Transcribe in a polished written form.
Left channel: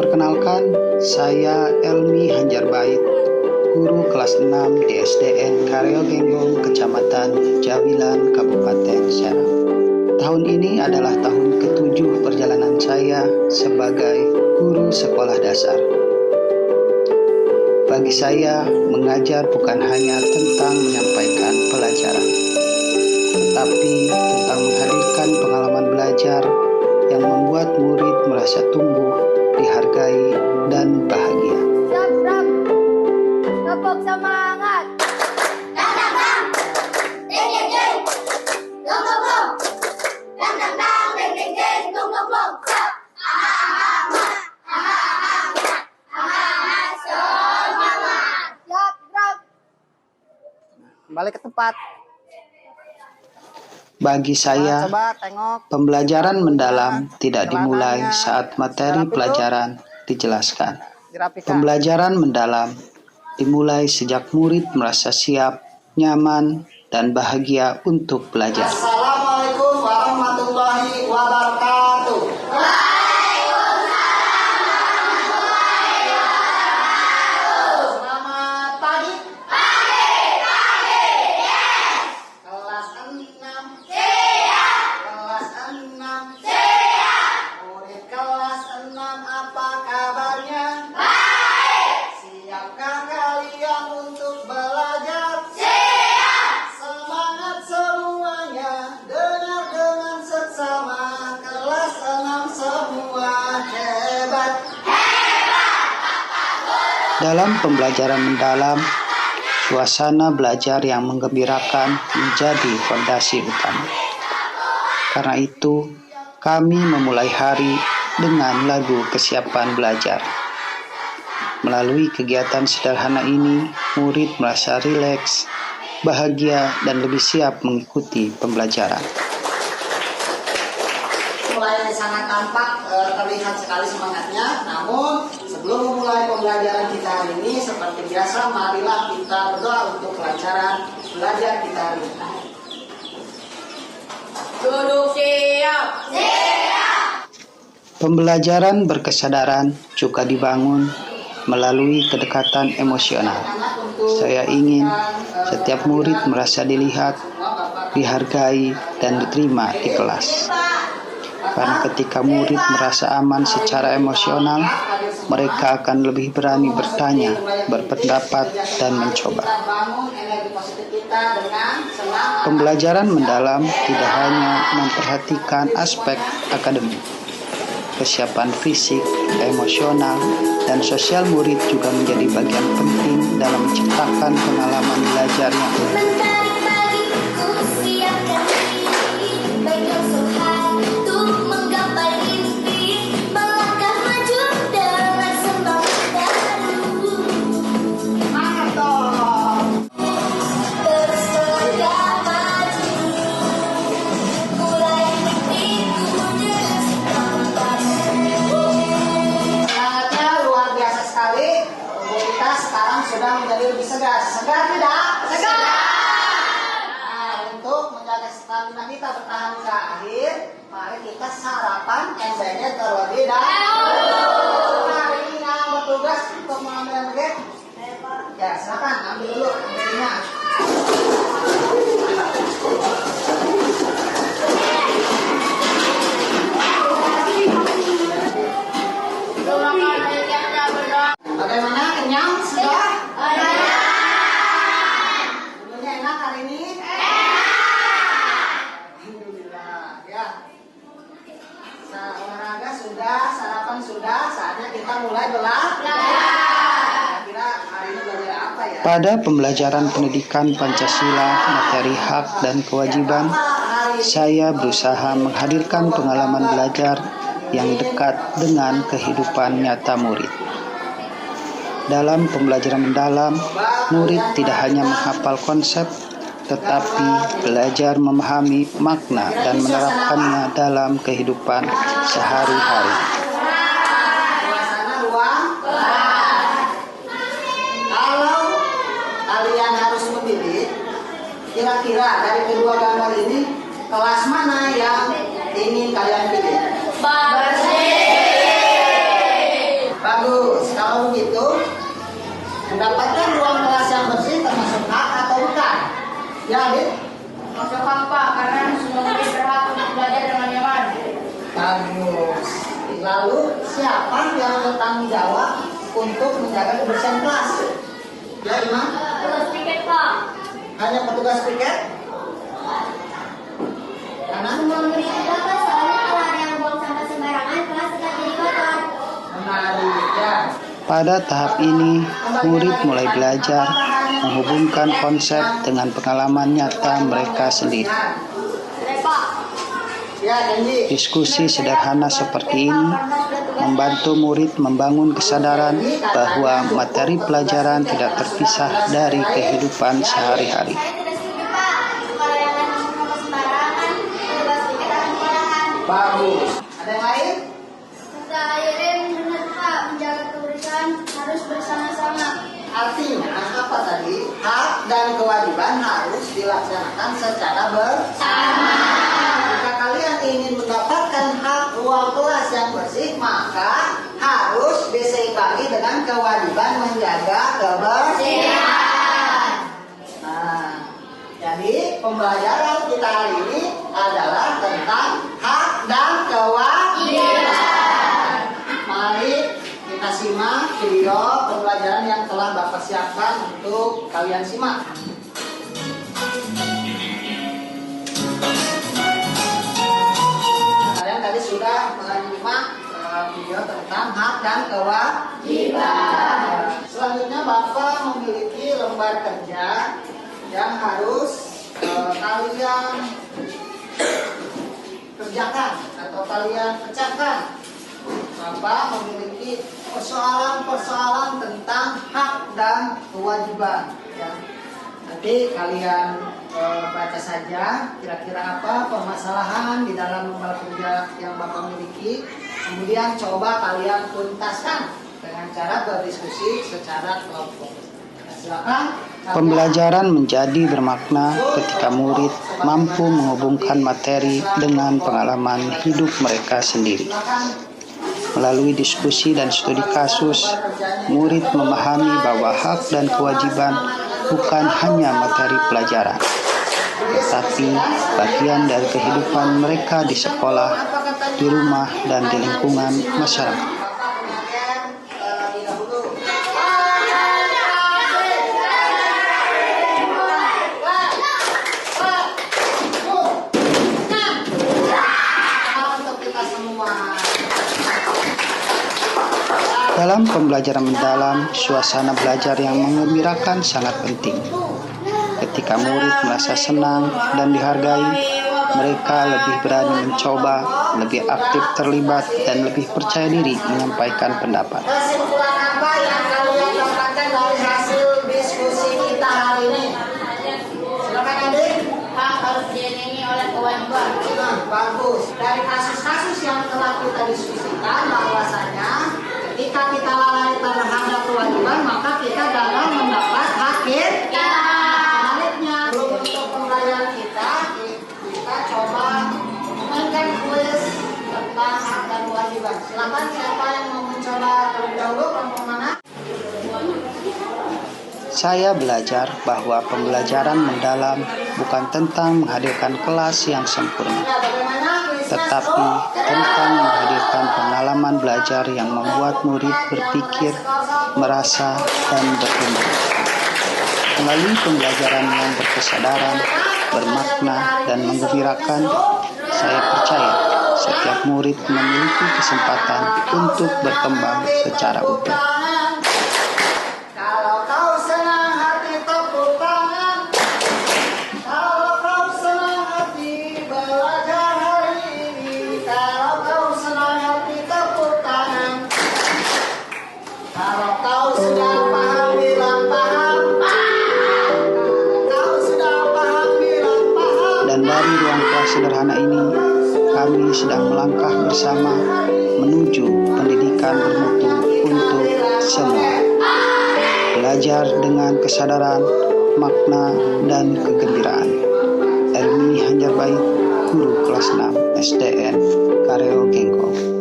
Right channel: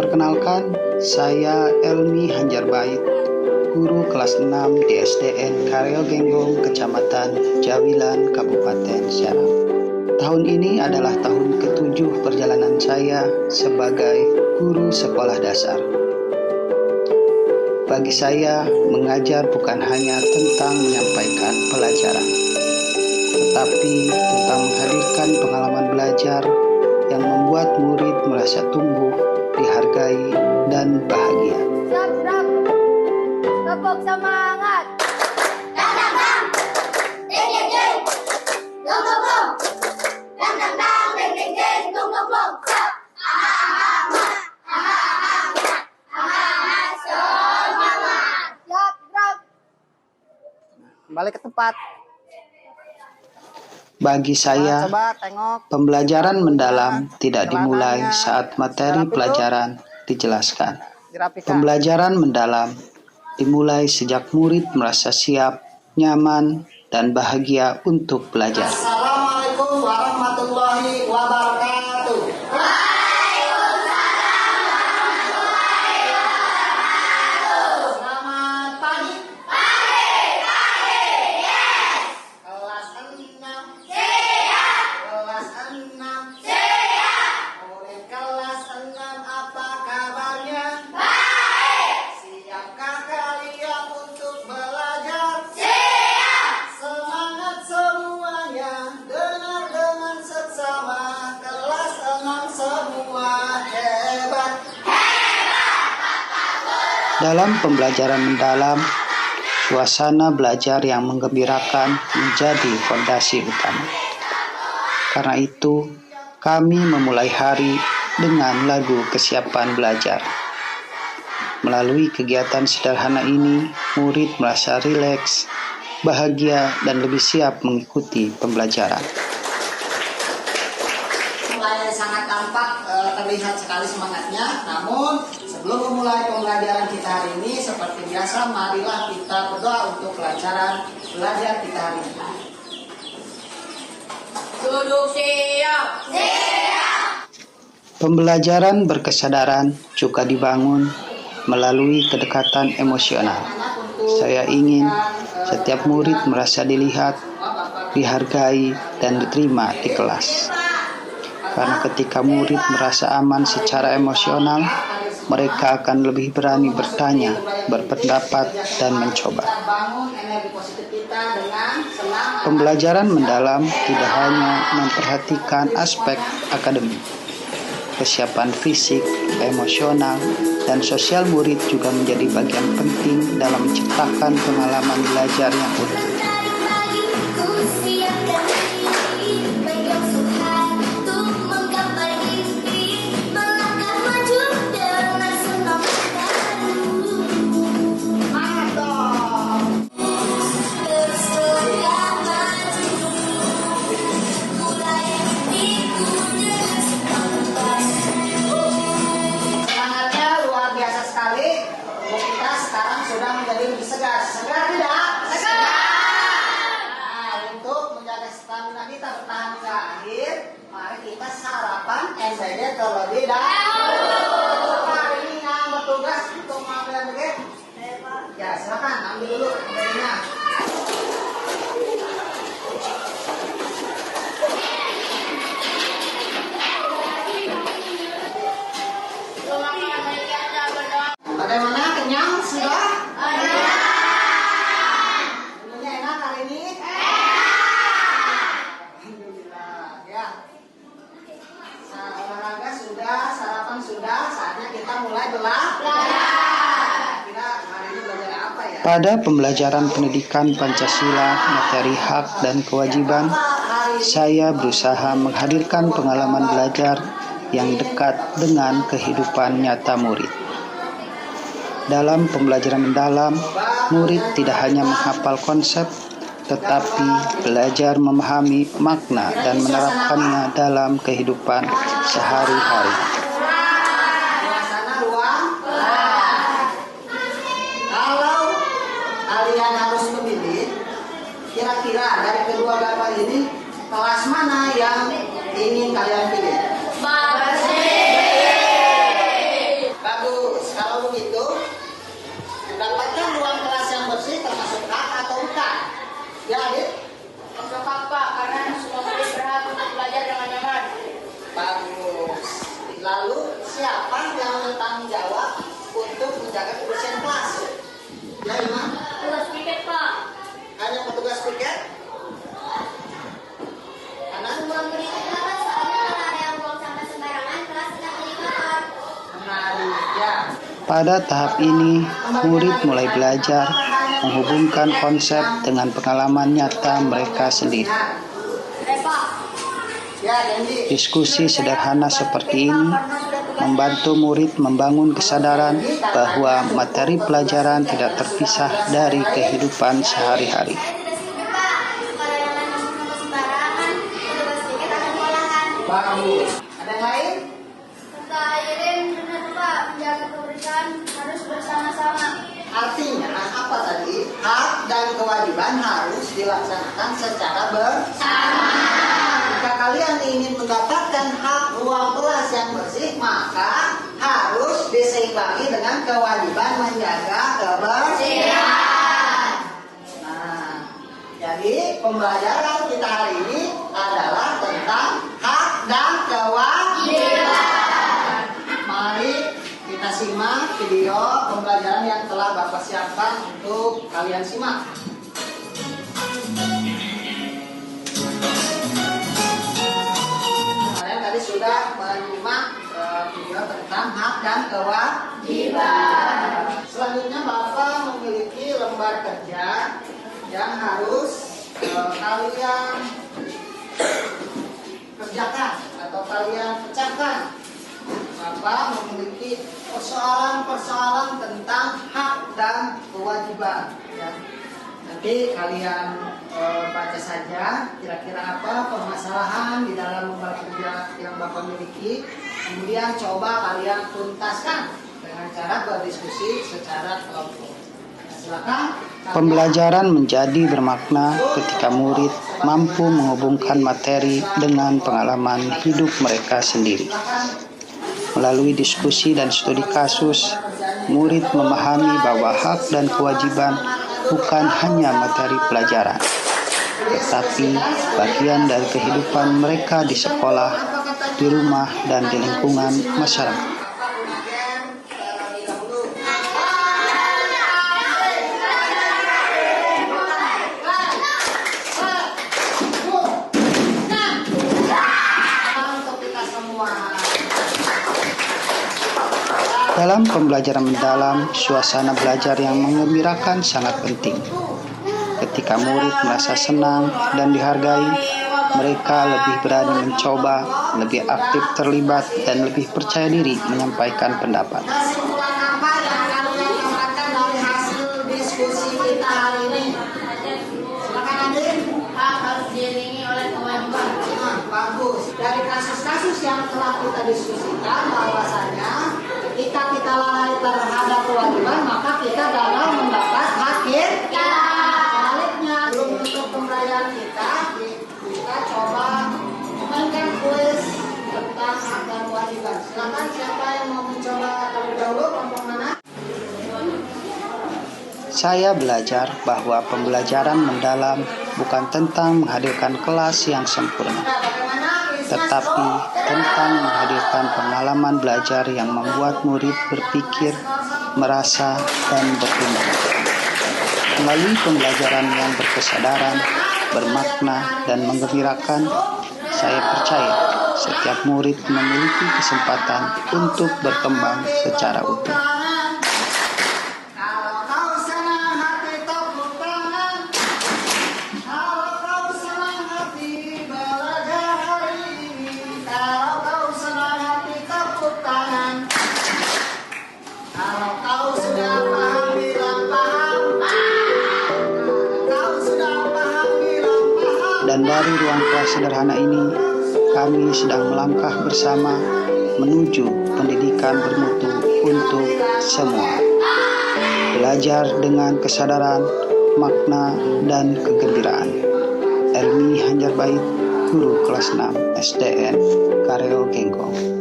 Perkenalkan, saya Elmi Hanjarbait, guru kelas 6 di SDN Karyo Genggong, Kecamatan Jawilan, Kabupaten Serang. Tahun ini adalah tahun ke-7 perjalanan saya sebagai guru sekolah dasar. Bagi saya, mengajar bukan hanya tentang menyampaikan pelajaran, tetapi tentang menghadirkan pengalaman belajar yang membuat murid merasa tumbuh, dihargai, dan bahagia. Siap, tepuk semangat. Dang dang dang, ding ding ding, dong dong dong, dang dang dang, ding ding ding, dong dong dong. Siap. Balik ke tempat. Bagi saya, Coba tengok. pembelajaran mendalam tidak dimulai saat materi pelajaran dijelaskan. Dirapikan. Pembelajaran mendalam dimulai sejak murid merasa siap, nyaman, dan bahagia untuk belajar. Assalamualaikum warahmatullahi wabarakatuh. Selamat pagi. Kelas 6. Kelas 6. Murid kelas 6, apa kabarnya? Siapkah kalian untuk belajar? Semangat semuanya, dengar dengan seksama. Kelas 6 semua hebat. Dalam pembelajaran mendalam, suasana belajar yang menggembirakan menjadi fondasi utama. Karena itu, kami memulai hari dengan lagu kesiapan belajar. Melalui kegiatan sederhana ini, murid merasa rileks, bahagia, dan lebih siap mengikuti pembelajaran. Mulai sangat tampak, terlihat sekali semangatnya. Namun sebelum memulai pembelajaran kita hari ini, seperti biasa, marilah kita berdoa untuk kelancaran belajar kita hari ini. Duduk siap. Pembelajaran berkesadaran juga dibangun melalui kedekatan emosional. Saya ingin setiap murid merasa dilihat, dihargai, dan diterima di kelas. Karena ketika murid merasa aman secara emosional, mereka akan lebih berani bertanya, berpendapat, dan mencoba. Pembelajaran mendalam tidak hanya memperhatikan aspek akademik. Kesiapan fisik, emosional, dan sosial murid juga menjadi bagian penting dalam menciptakan pengalaman belajar yang utuh. Kita sekarang sudah menjadi lebih segar. Segar tidak? Segar. Nah, untuk menjaga stamina kita bertahan hingga akhir, mari kita sarapan embedded terlebih dahulu. Hari ini yang bertugas untuk mengambil embedded. Ya, silakan ambil dulu embeddednya. Bagaimana, kenyang sudah? Semuanya enak hari ini? Alhamdulillah ya. Olahraga sudah, sarapan sudah, saatnya kita mulai belajar. Kira hari ini belajar apa ya? Pada pembelajaran pendidikan Pancasila, materi hak dan kewajiban, saya berusaha menghadirkan pengalaman belajar yang dekat dengan kehidupan nyata murid. Dalam pembelajaran mendalam, murid tidak hanya menghafal konsep, tetapi belajar memahami makna dan menerapkannya dalam kehidupan sehari-hari. Suasana ruang. Kalau kalian harus memilih, kira-kira dari kedua gambar ini, kelas mana yang ingin kalian pilih? Lalu siapa yang bertanggung jawab untuk menjaga kebersihan kelas? Ya, Imam? Petugas piket, Pak. Hanya petugas piket? Karena Semua murid juga, Pak. Soalnya kalau ada yang buang sampah sembarangan, kelas akan jadi kotor. menarik ya. Pada tahap ini, murid mulai belajar menghubungkan konsep dengan pengalaman nyata mereka sendiri. Ya, janji. Diskusi sederhana seperti ini membantu murid membangun kesadaran bahwa materi pelajaran tidak terpisah dari kehidupan sehari-hari. Bagus. Ada yang lain? Benar, Pak. Menjaga kebersihan harus bersama-sama. Artinya apa tadi? Hak dan kewajiban harus dilaksanakan secara bersama. Jika kalian ingin mendapatkan hak ruang kelas yang bersih, maka harus diseimbangi dengan kewajiban menjaga kebersihan. Nah, jadi pembelajaran kita hari ini adalah tentang hak dan kewajiban. Mari kita simak video pembelajaran yang telah Bapak siapkan untuk kalian simak. Kalian tadi sudah menyimak video tentang hak dan kewajiban. Selanjutnya Bapak memiliki lembar kerja yang harus kalian kerjakan atau kalian pecahkan. Bapak memiliki persoalan-persoalan tentang hak dan kewajiban. Ya. Nanti kalian baca saja kira-kira apa permasalahan di dalam lembar kerja yang Bapak miliki. Kemudian coba kalian tuntaskan dengan cara berdiskusi secara kelompok. Silakan. Pembelajaran menjadi bermakna ketika murid mampu menghubungkan materi dengan pengalaman hidup mereka sendiri. Melalui diskusi dan studi kasus, murid memahami bahwa hak dan kewajiban bukan hanya materi pelajaran, tetapi bagian dari kehidupan mereka di sekolah, di rumah, dan di lingkungan masyarakat. Dalam pembelajaran mendalam, suasana belajar yang menggembirakan sangat penting. Ketika murid merasa senang dan dihargai, mereka lebih berani mencoba, lebih aktif terlibat, dan lebih percaya diri menyampaikan pendapat. Kesimpulan apa yang kalian dapatkan dari hasil diskusi kita hari ini? Silakan Adik. Hak harus diiringi oleh kewajiban. Nah, bagus. Dari kasus-kasus yang telah kita diskusikan bahwasanya ketika kita lalai terhadap kewajiban, maka kita gagal mendapat hak kita. Sebaliknya, untuk pembelajaran kita coba memainkan kuis tentang hak dan kewajiban. Silakan siapa yang mau mencoba terlebih dahulu, kelompok mana? Saya belajar bahwa pembelajaran mendalam bukan tentang menghadirkan kelas yang sempurna, tetapi tentang menghadirkan pengalaman belajar yang membuat murid berpikir, merasa, dan berkembang. Melalui pembelajaran yang berkesadaran, bermakna, dan menggembirakan, saya percaya setiap murid memiliki kesempatan untuk berkembang secara utuh. Kalau kau senang hati tepuk tangan. Kalau kau senang hati belajar hari ini. Kalau kau senang hati tepuk tangan. Kalau kau sudah paham bilang paham. Kalau kau sudah paham bilang paham. Dan dari ruang kelas sederhana ini, kami sedang melangkah bersama menuju pendidikan bermutu untuk semua. Belajar dengan kesadaran, makna, dan kegembiraan. Elmi Hanjarbait, Guru Kelas 6 SDN Kareo Gengkong.